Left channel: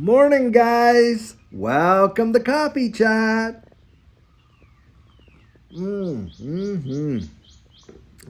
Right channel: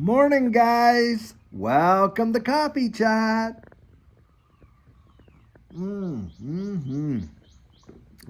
Morning, guys. Welcome to Coffee Chat. Mm-hmm.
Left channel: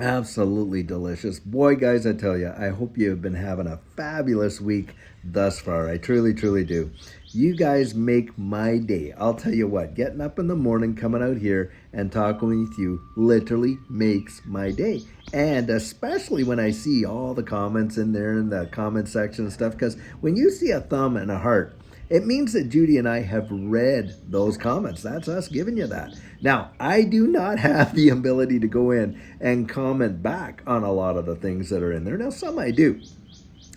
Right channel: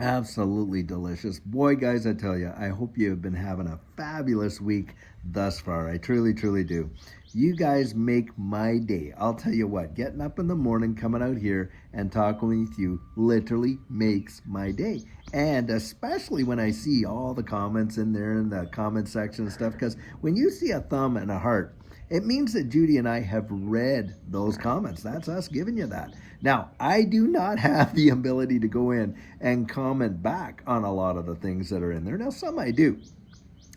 Absolutely delicious. Boy, guys, I tell you, I hope you have been having a fabulous week thus far. I truly, truly do. You guys make my day. I'll tell you what, getting up in the morning, coming out here and talking with you literally makes my day. And especially when I see all the comments in there in the comment section and stuff, because when you see a thumb and a heart, it means that Judy and I have read those comments. That's us giving you that. Now, I do not have the ability to go in and comment back on a lot of the things that are in there. Now, some I do.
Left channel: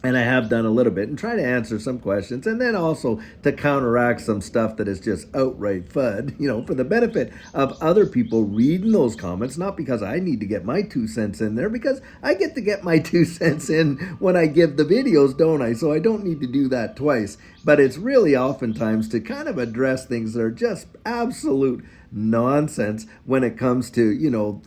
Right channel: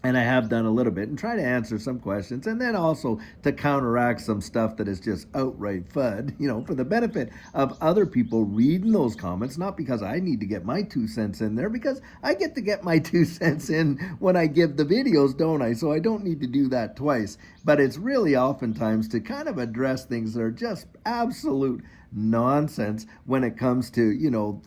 And I have done a little bit and try to answer some questions and then also to counteract some stuff that is just outright FUD, for the benefit of other people reading those comments, not because I need to get my 2 cents in there, because I get to get my 2 cents in when I give the videos, don't I? So I don't need to do that twice. But it's really oftentimes to kind of address things that are just absolute nonsense when it comes to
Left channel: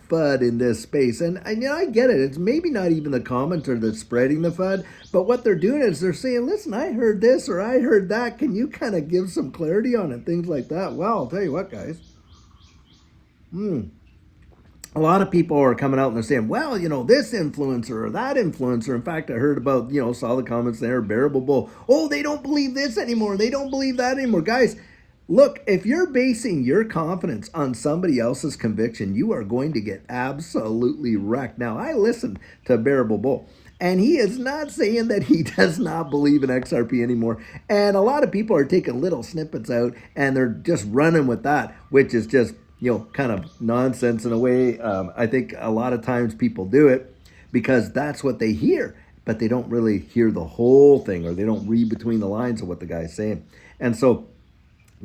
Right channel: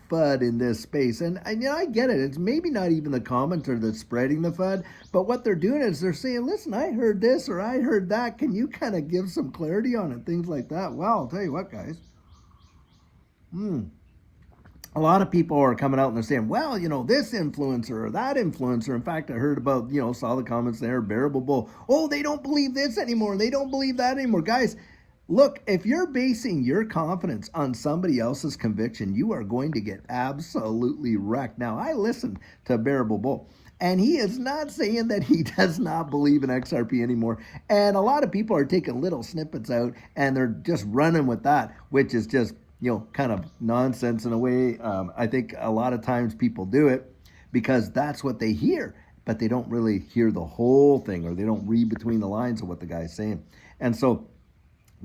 FUD in this space. And I get it. It's maybe not even the commenter that's spreading the FUD, but what they're doing is they're saying, listen, I heard this or I heard that, can you kind of give some clarity on it, things like that. Well, I'll tell you what, guys, a lot of people are coming out and they're saying, well, this influencer or that influencer. In fact, I heard about, saw the comments there, Bearable Bull. Oh, they don't believe this anymore. They don't believe that anymore. Guys, look, if you're basing your confidence on somebody else's conviction, you are going to get absolutely wrecked. Now, I listened to Bearable Bull, and he is not saying that he does not believe in XRP anymore. And a lot of people are taking little snippets out, and they're just running with that, which is just, kind of nonsense in a way. I think a lot of times people do it because that's what they hear, but they don't really hear the whole thing, or they don't read between the lines of what the guy's saying. And so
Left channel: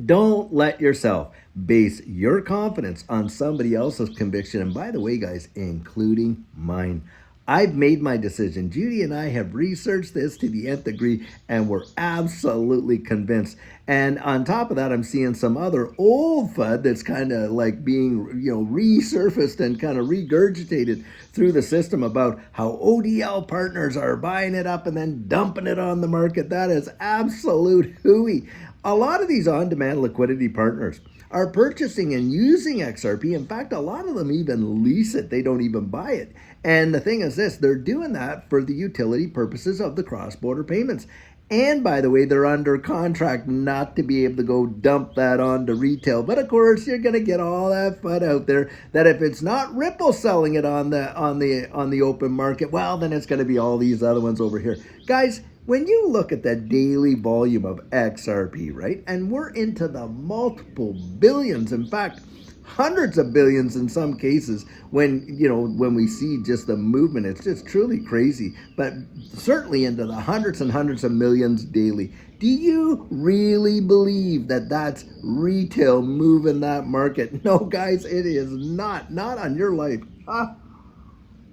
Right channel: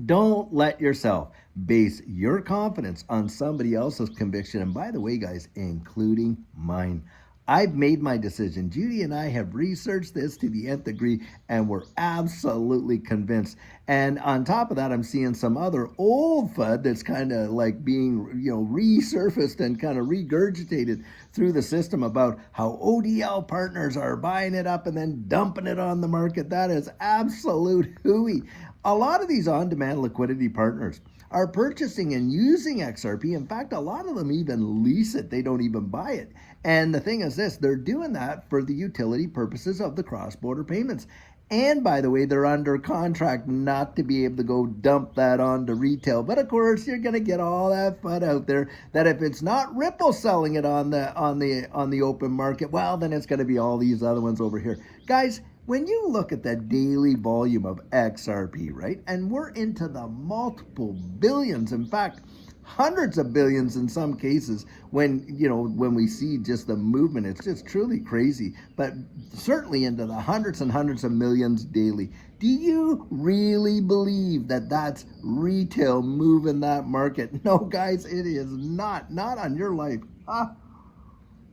don't let yourself base your confidence on somebody else's conviction. And by the way, guys, including mine. I've made my decision. Judy and I have researched this to the nth degree, and we're absolutely convinced. And on top of that, I'm seeing some other old FUD that's kind of like being, resurfaced and kind of regurgitated through the system about how ODL partners are buying it up and then dumping it on the market. That is absolute hooey. A lot of these on-demand liquidity partners are purchasing and using XRP. In fact, a lot of them even lease it. They don't even buy it. And the thing is this, they're doing that for the utility purposes of the cross-border payments. And by the way, they're under contract not to be able to go dump that onto retail. But of course, you're going to get all that FUD out there that if it's not Ripple selling it on the open market, well, then it's going to be all these other ones over here. Guys, when you look at the daily volume of XRP, right, and we're into the multiple billions, in fact, hundreds of billions in some cases, when we see just the movement, it's just truly crazy, but certainly into the hundreds and hundreds of millions daily. Do you really believe that that's retail moving that market? No, guys, it is not on your life.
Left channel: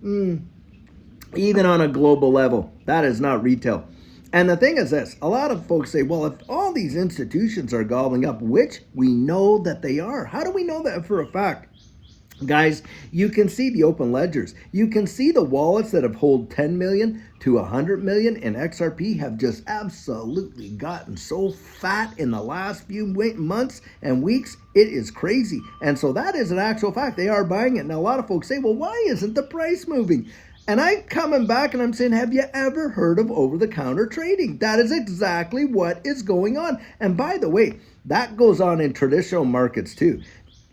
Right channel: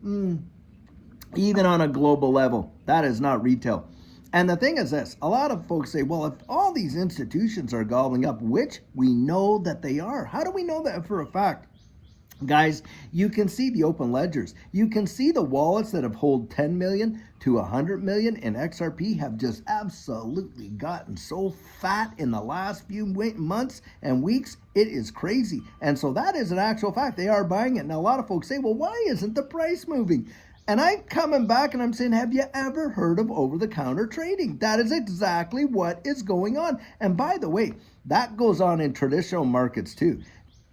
Even on a global level, that is not retail. And the thing is this, a lot of folks say, well, if all these institutions are gobbling up, which we know that they are, how do we know that for a fact? Guys, you can see the open ledgers. You can see the wallets that have hold 10 million to 100 million in XRP have just absolutely gotten so fat in the last few months and weeks. It is crazy. And so that is an actual fact. They are buying it. Now, a lot of folks say, well, why isn't the price moving? And I'm coming back and I'm saying, have you ever heard of over-the-counter trading? That is exactly what is going on. And by the way, that goes on in traditional markets too.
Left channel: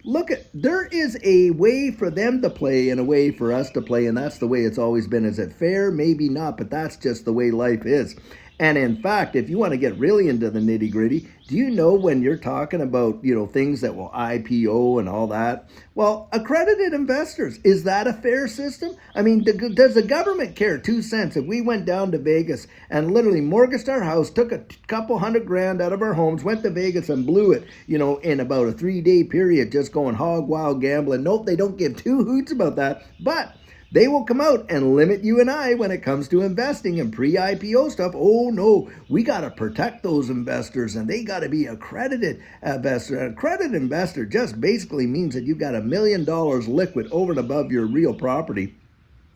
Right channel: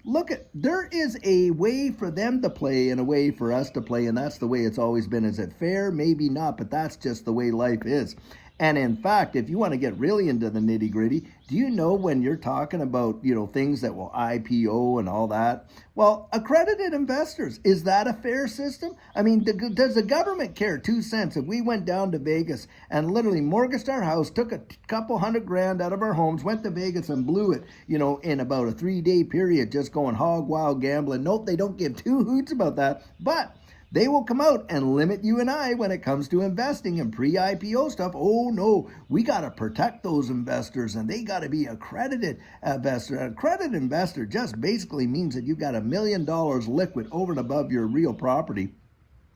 Look, there is a way for them to play and a way for us to play, and that's the way it's always been. Is it fair? Maybe not, but that's just the way life is. And in fact, if you want to get really into the nitty gritty, do you know when you're talking about, things that will IPO and all that? Well, accredited investors, is that a fair system? I mean, does the government care 2 cents if we went down to Vegas and literally mortgaged our house, took a couple $100,000 out of our homes, went to Vegas and blew it, in about a 3-day period, just going hog wild gambling? Nope, they don't give two hoots about that. But they will come out and limit you and I when it comes to investing in pre-IPO stuff. Oh no, we got to protect those investors and they got to be accredited investor. An accredited investor just basically means that you've got $1 million liquid over and above your real property,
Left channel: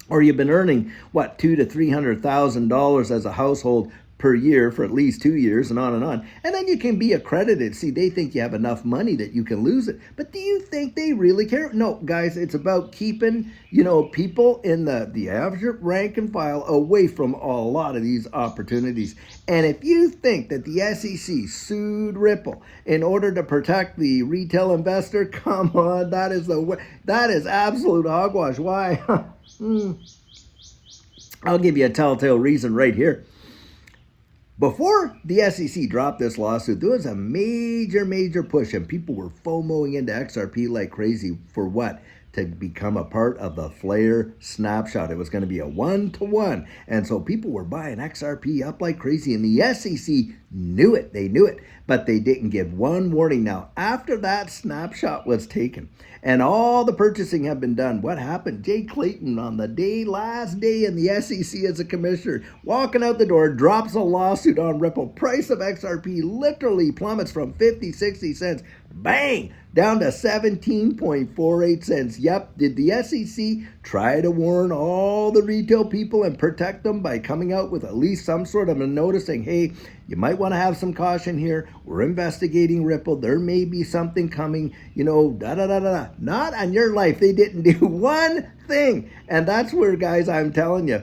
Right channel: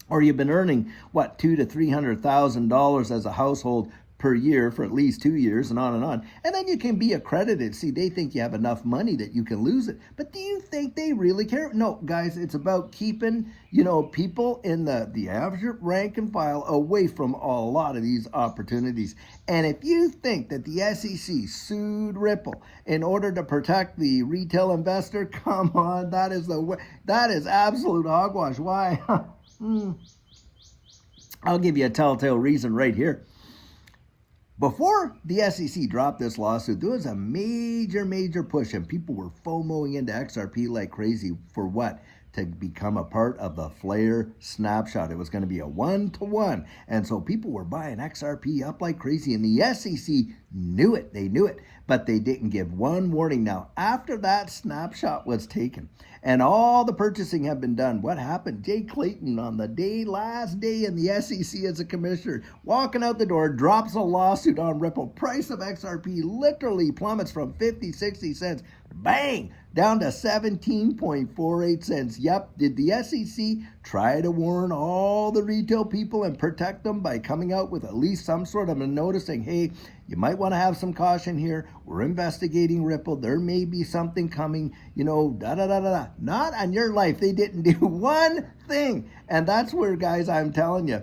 or you've been earning $200,000 to $300,000 as a household per year for at least 2 years and on and on. And then you can be accredited. See, they think you have enough money that you can lose it. But do you think they really care? No, guys, it's about keeping, people in the average rank and file away from a lot of these opportunities. And if you think that the SEC sued Ripple in order to protect the retail investor, come on, that is absolute hogwash. Why? I'll give you a telltale reason right here. Before the SEC dropped this lawsuit, there was a major push, and people were FOMOing into XRP like crazy for what? To become a part of the Flare snapshot. It was going to be a 1-to-1. And so people were buying XRP up like crazy, and the SEC knew it. They knew it, but they didn't give one warning. Now, after that snapshot was taken and all the purchasing had been done, what happened? Jay Clayton, on the last day in the SEC as a commissioner, walking out the door, drops a lawsuit on Ripple. Price of XRP literally plummets from 50, 60 cents, bang, down to 17.48 cents. Yep, did the SEC try to warn all the retail people and protect them by coming out with at least some sort of a notice saying, hey, you might want to have some caution here. We're investigating Ripple. There may be something coming, da-da-da-da-da. Not on your life. They didn't do one thing. And that's where, guys, I'm telling you,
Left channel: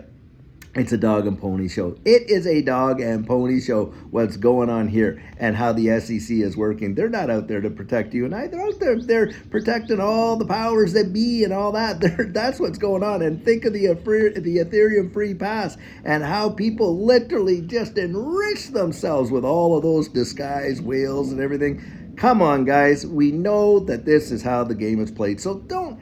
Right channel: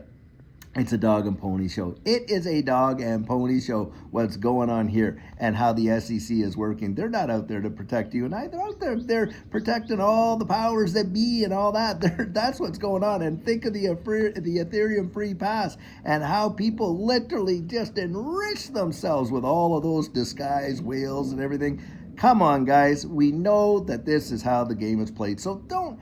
it's a dog and pony show. It is a dog and pony show what's going on here and how the SEC is working. They're not out there to protect you and I. They're out there. They're protecting all the powers that be and all that. That's what's going on. And think of the Ethereum free pass and how people literally just enrich themselves with all of those disguised whales and everything. Come on, guys. We know that this is how the game is played. So don't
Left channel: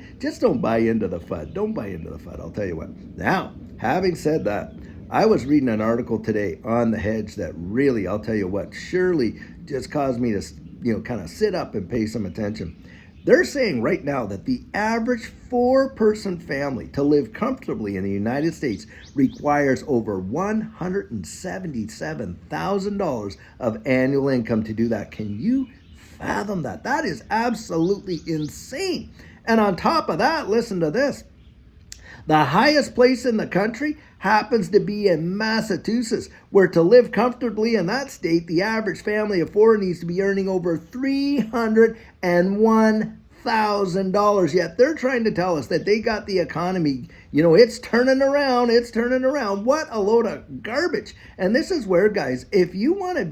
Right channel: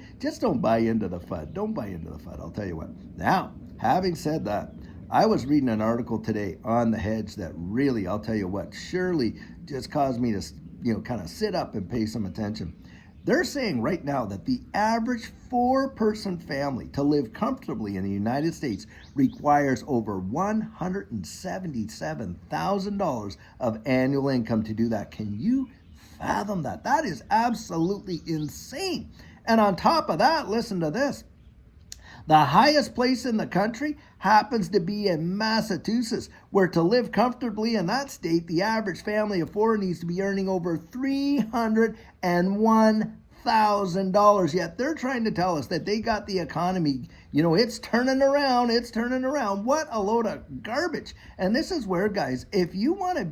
buy into the FUD. Don't buy into the FUD. I'll tell you what. Now, having said that, I was reading an article today on the hedge that really, I'll tell you what, surely just caused me to, kind of sit up and pay some attention. They're saying right now that the average 4-person family to live comfortably in the United States requires over $177,000 of annual income to do that. Can you fathom that? That is absolutely insane. And on top of that, listen to this. The highest place in the country happens to be in Massachusetts, where to live comfortably in that state, the average family of 4 needs to be earning over $301,000. Yet they're trying to tell us that they got the economy, it's turning around. What a load of garbage. And this is where, guys, if you want to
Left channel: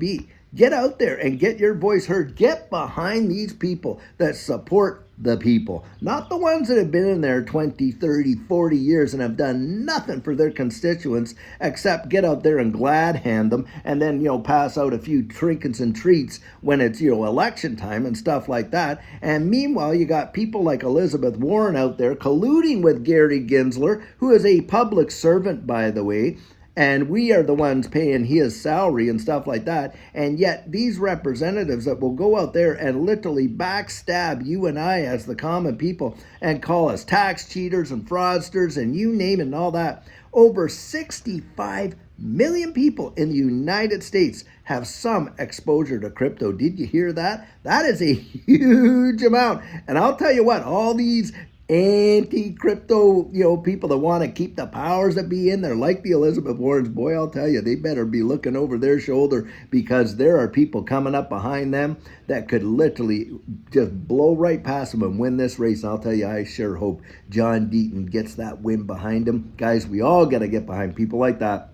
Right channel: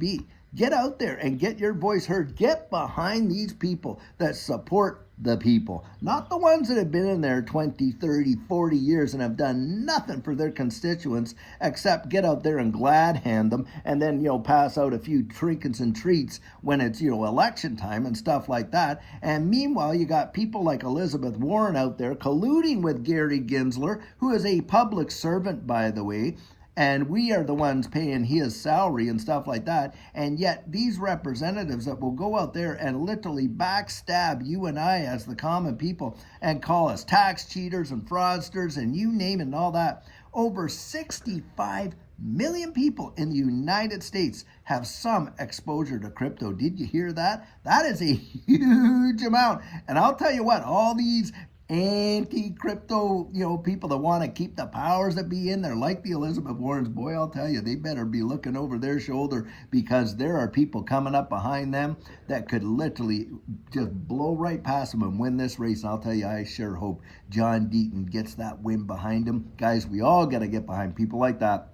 get out there and get your voice heard. Get behind these people that support the people, not the ones that have been in there 20, 30, 40 years and have done nothing for their constituents except get out there and glad hand them and then, pass out a few trinkets and treats when it's, election time and stuff like that. And meanwhile, you got people like Elizabeth Warren out there colluding with Gary Gensler, who is a public servant, by the way, and we are the ones paying his salary and stuff like that. And yet these representatives that will go out there and literally backstab you and I as the common people and call us tax cheaters and fraudsters and you name it and all that. Over 65 million people in the United States have some exposure to crypto. Did you hear that? That is a huge amount. And I'll tell you what, all these anti-crypto, people that want to keep the powers that be in there, like the Elizabeth Warrens, boy, I'll tell you, they better be looking over their shoulder because there are people coming up behind them that could literally just blow right past them and win this race. And I'll tell you, I sure hope John Deaton gets that win behind him. Guys, we all got to get behind people like that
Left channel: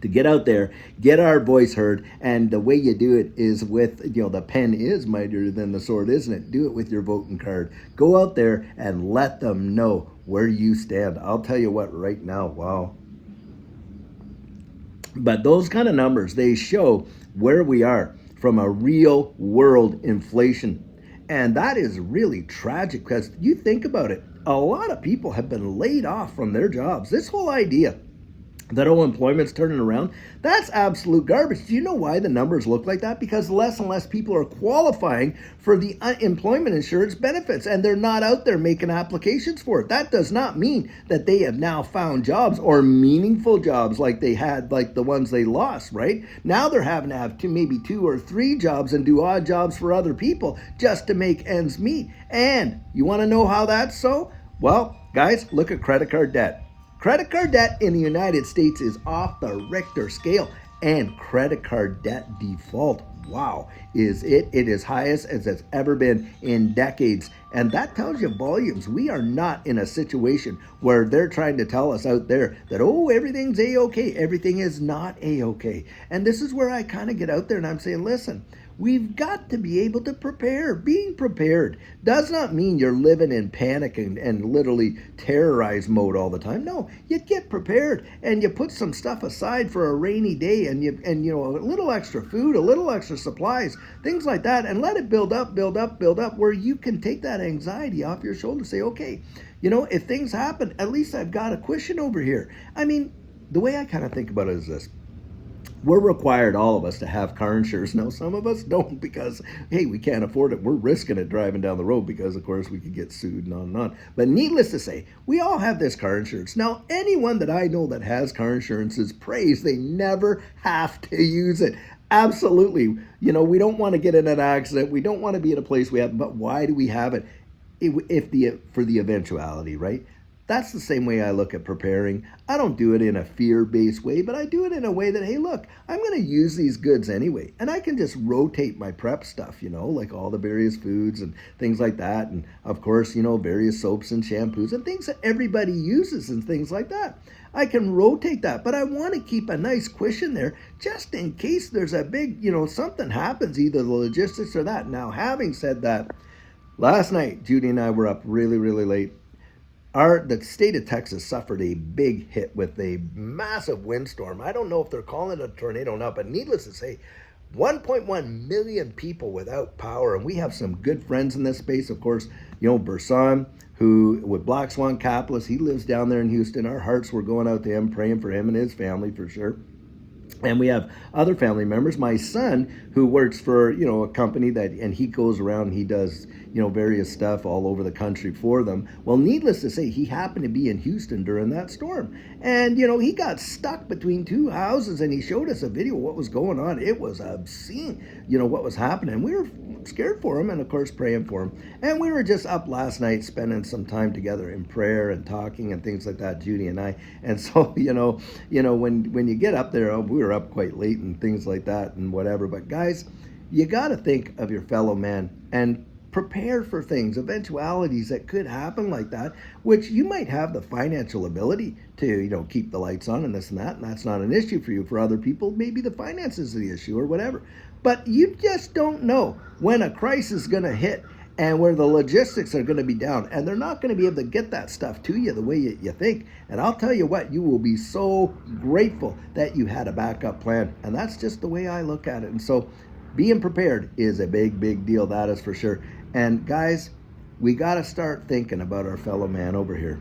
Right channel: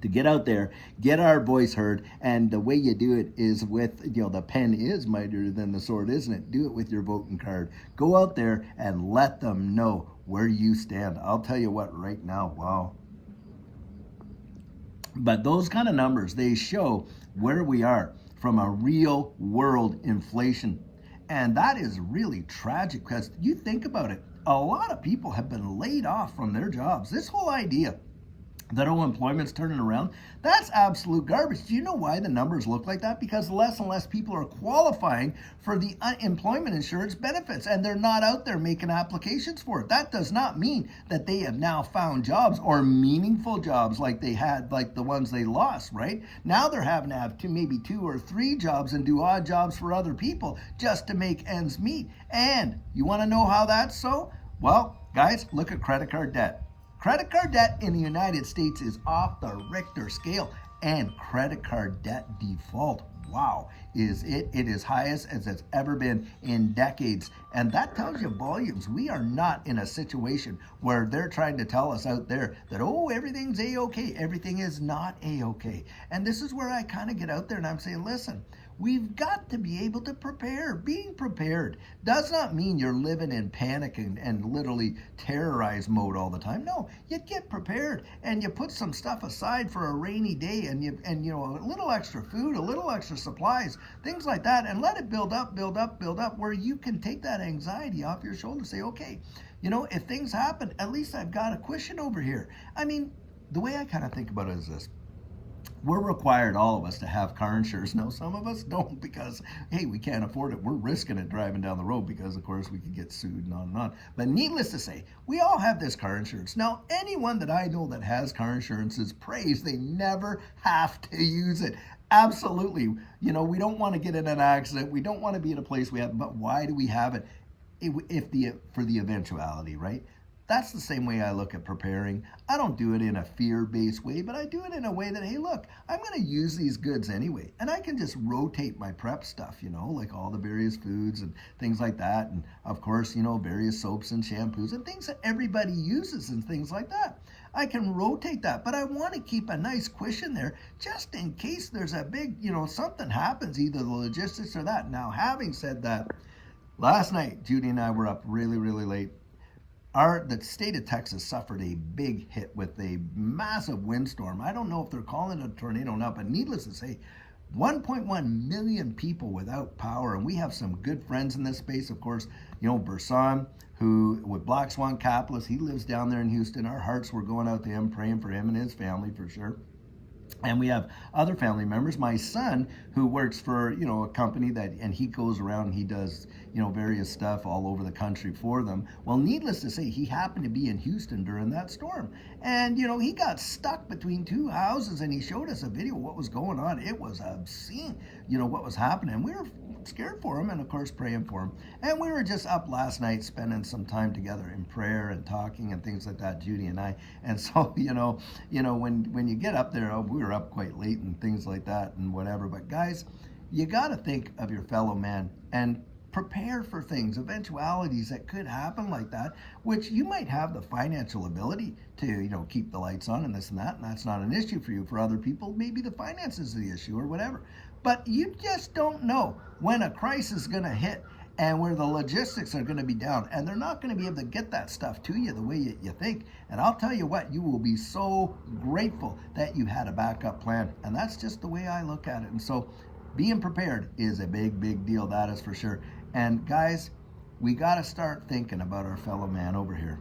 to get out there, get our voice heard, and the way you do it is with, the pen is mightier than the sword, isn't it? Do it with your voting card. Go out there and let them know where you stand. I'll tell you what, right now, wow. But those kind of numbers, they show where we are from a real world inflation. And that is really tragic because you think about it, a lot of people have been laid off from their jobs. This whole idea that unemployment's turning around, that's absolute garbage. Do you know why the numbers look like that? Because less and less people are qualifying for the unemployment insurance benefits, and they're not out there making applications for it. That does not mean that they have now found jobs or meaningful jobs like they had, like the ones they lost, right? Now they're having to have maybe 2 or 3 jobs and do odd jobs for other people just to make ends meet. And you want to know how that's so? Well, guys, look at credit card debt. Credit card debt in the United States is off the Richter scale. And credit card debt default, wow, it is highest as it's ever been in decades. And that tells you volumes. We are not in a situation where they're trying to tell us out there that, oh, everything's a-okay. Everything is not a-okay. And this is where I kind of get out there and I'm saying, listen, we've got to be able to prepare. Being prepared does not mean you're living in panic and literally terrorize mode all the time. No, you get prepared and you put some stuff aside for a rainy day, and you know, a little extra food, a little extra supplies, things like that, and let it build up, build up, build up, where you can take that anxiety off your shoulder. Say, okay, you know, if things happen, at least I've got a cushion over here. I mean, the way I kind of think about it is this: we're required, all of us, to have car insurance. Now, some of us don't because, hey, we can't afford it. We're risking it driving down the road because, of course, we could get sued and on and on. But needless to say, we all have this car insurance. Now, anyone that I know that has car insurance is praised. They never have to use it. Absolutely. You know, we don't want to get in an accident. We don't want to be in a place we have, but why do we have it? For the eventuality, right? That's the same way I look at preparing. I don't do it in a fear-based way, but I do it in a way that, hey, look, I'm going to use these goods anyway. And I can just rotate my prep stuff, you know, like all the various foods and things like that. And of course, you know, various soaps and shampoos and things that everybody uses and things like that. I can rotate that, but I want to keep a nice cushion there just in case there's a big, you know, something happens, either the logistics or that. Now, having said that, last night, Judy and I were up really, really late. The state of Texas suffered a big hit with a massive windstorm. I don't know if they're calling it a tornado or not, but needless to say, 1.1 million people without power. And we have some good friends in this space. Of course, you know, Burson, who with Black Swan Capitalist, he lives down there in Houston. Our hearts were going out to him, praying for him and his family for sure. And we have other family members. My son, who works for, you know, a company that, and he goes around and he does, you know, various stuff all over the country for them. Well, needless to say, he happened to be in Houston during that storm. And, you know, he got stuck between two houses, and he showed us a video of what was going on. It was obscene, you know, what was happening. We were scared for him and, of course, praying for him. And we were just up last night spending some time together in prayer and talking and things like that, Judy and I. And so, you know, when you get up there, we were up quite late and things like that and whatever. But guys, you got to think of your fellow man and prepare for things, eventualities that could happen like that, which you might have the financial ability to, you know, keep the lights on and this and that, and that's not an issue for you. For other people, maybe the finances are the issue or whatever. But you just don't know when a crisis is going to hit and where the logistics are going to be down, and they're not going to be able to get that stuff to you the way you think. And I'll tell you what, you will be so grateful that you had a backup plan. And that's just the way I look at it. And so being prepared is a big, big deal. That is for sure. And guys, we got to start thinking about our fellow man over here.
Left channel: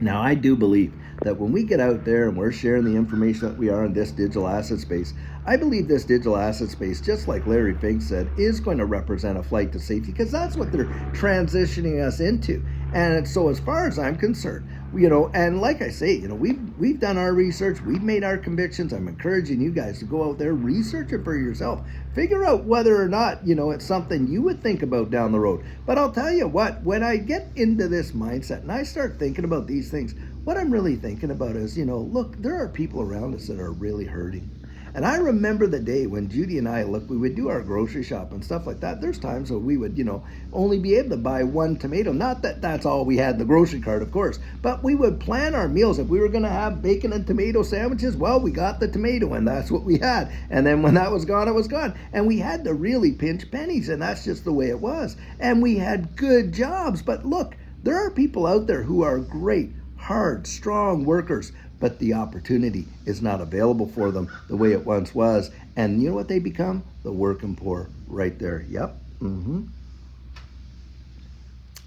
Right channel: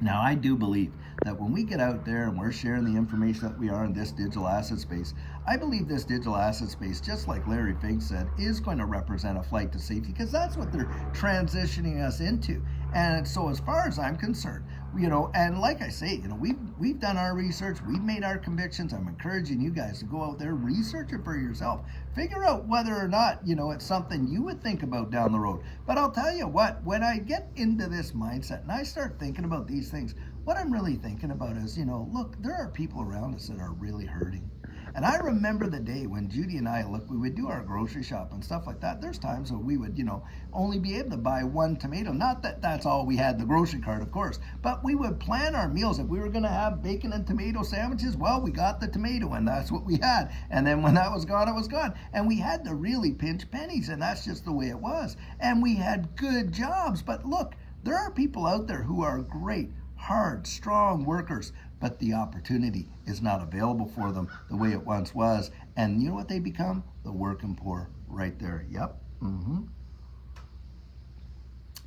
Now, I do believe that when we get out there and we're sharing the information that we are in this digital asset space, I believe this digital asset space, just like Larry Fink said, is going to represent a flight to safety, because that's what they're transitioning us into. And so as far as I'm concerned, you know, and like I say, you know, we've done our research, we've made our convictions. I'm encouraging you guys to go out there, research it for yourself, figure out whether or not, you know, it's something you would think about down the road. But I'll tell you what, when I get into this mindset and I start thinking about these things, what I'm really thinking about is, you know, look, there are people around us that are really hurting. And I remember the day when Judy and I, look, we would do our grocery shop and stuff like that. There's times where we would, you know, only be able to buy one tomato. Not that that's all we had in the grocery cart, of course, but we would plan our meals. If we were going to have bacon and tomato sandwiches, well, we got the tomato and that's what we had. And then when that was gone, it was gone. And we had to really pinch pennies, and that's just the way it was. And we had good jobs. But look, there are people out there who are great, hard, strong workers, but the opportunity is not available for them the way it once was. And you know what they become? The working poor right there. Yep.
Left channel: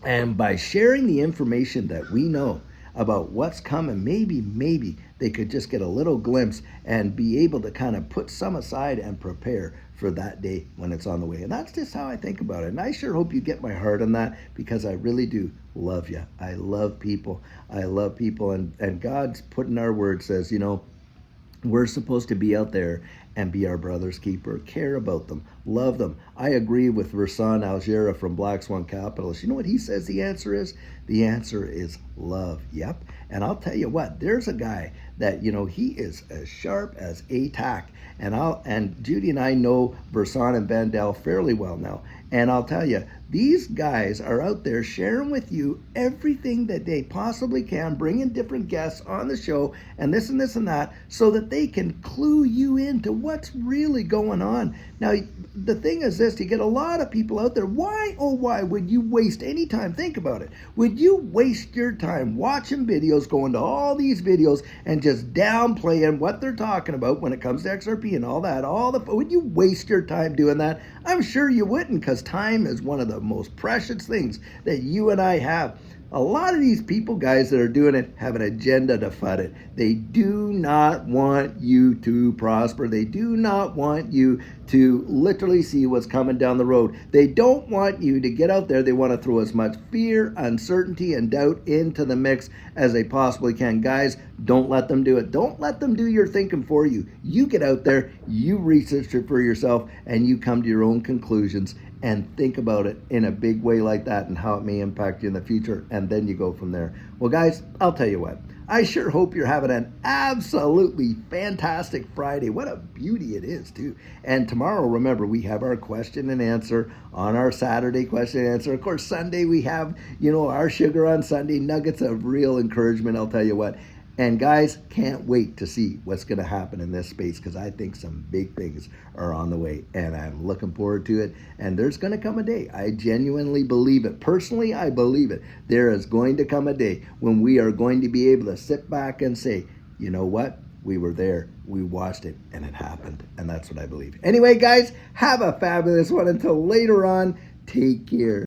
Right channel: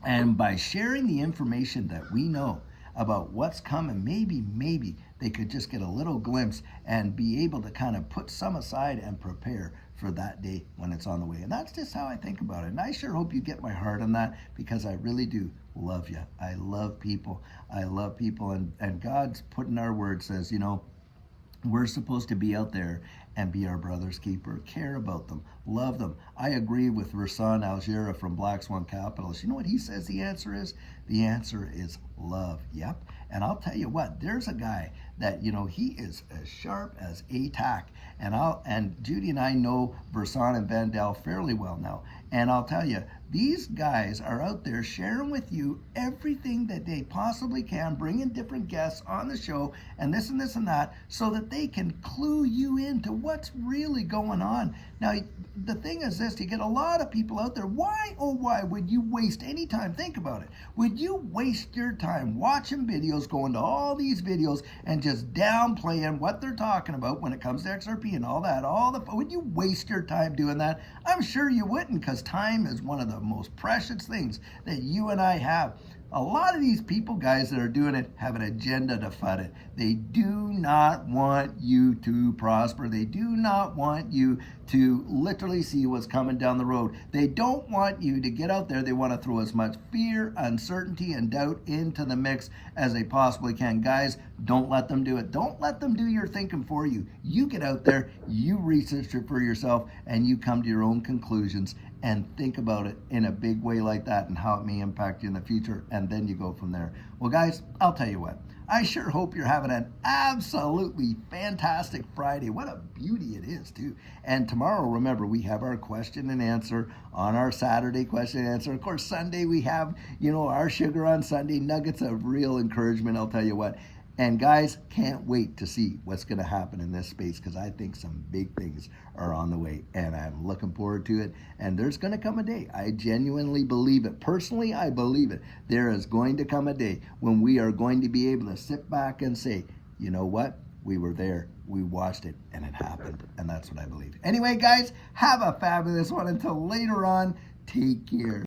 And by sharing the information that we know about what's coming, maybe they could just get a little glimpse and be able to kind of put some aside and prepare for that day when it's on the way. And that's just how I think about it. And I sure hope you get my heart on that, because I really do love you. I love people. And God's put in our word says, you know, we're supposed to be out there and be our brother's keeper, care about them, love them. I agree with Versan Algera from Black Swan Capitalist. You know what he says the answer is? The answer is love. Yep. And I'll tell you what, there's a guy that, he is as sharp as a tack. And Judy and I know Verson and Vandal fairly well now. And I'll tell you, these guys are out there sharing with you everything that they possibly can, bringing different guests on the show and this and that, so that they can clue you into what's really going on. Now, the thing is this, you get a lot of people out there. Why, oh why would you waste any time? Think about it. Would you waste your time watching videos, going to all these videos and just downplaying what they're talking about when it comes to XRP and all that? Would you waste your time doing that? I'm sure you wouldn't, because time is one of the most precious things that you and I have. A lot of these people, guys, that are doing it have an agenda to FUD it. They do not want you to prosper. They do not want you to literally see what's coming down the road. They don't want you to get out there. They want to throw as much fear, uncertainty, and doubt into the mix as they possibly can. Guys, don't let them do it. Don't let them do your thinking for you. You get out there, you research it for yourself, and you come to your own conclusions and think about it in a big way like that and how it may impact you in the future, and then you go from there. Well, guys, I'll tell you what, I sure hope you're having an absolutely fantastic Friday. What a beauty it is, too. And tomorrow, remember, we have our question and answer on our Saturday question and answer. Of course, Sunday we have, our sugar on Sunday, nuggets of real encouragement, I'll tell you what. And guys, can't wait to see what's going to happen in this space, because I think some big things are on the way, and I'm looking forward to it. And there's going to come a day, I genuinely believe it. Personally, I believe it. There is going to come a day when we are going to be able to sit back and say, you know what? We were there, we watched it, and it happened. And that's what I believe. Anyway, guys, have a fabulous one. Until later on, take care.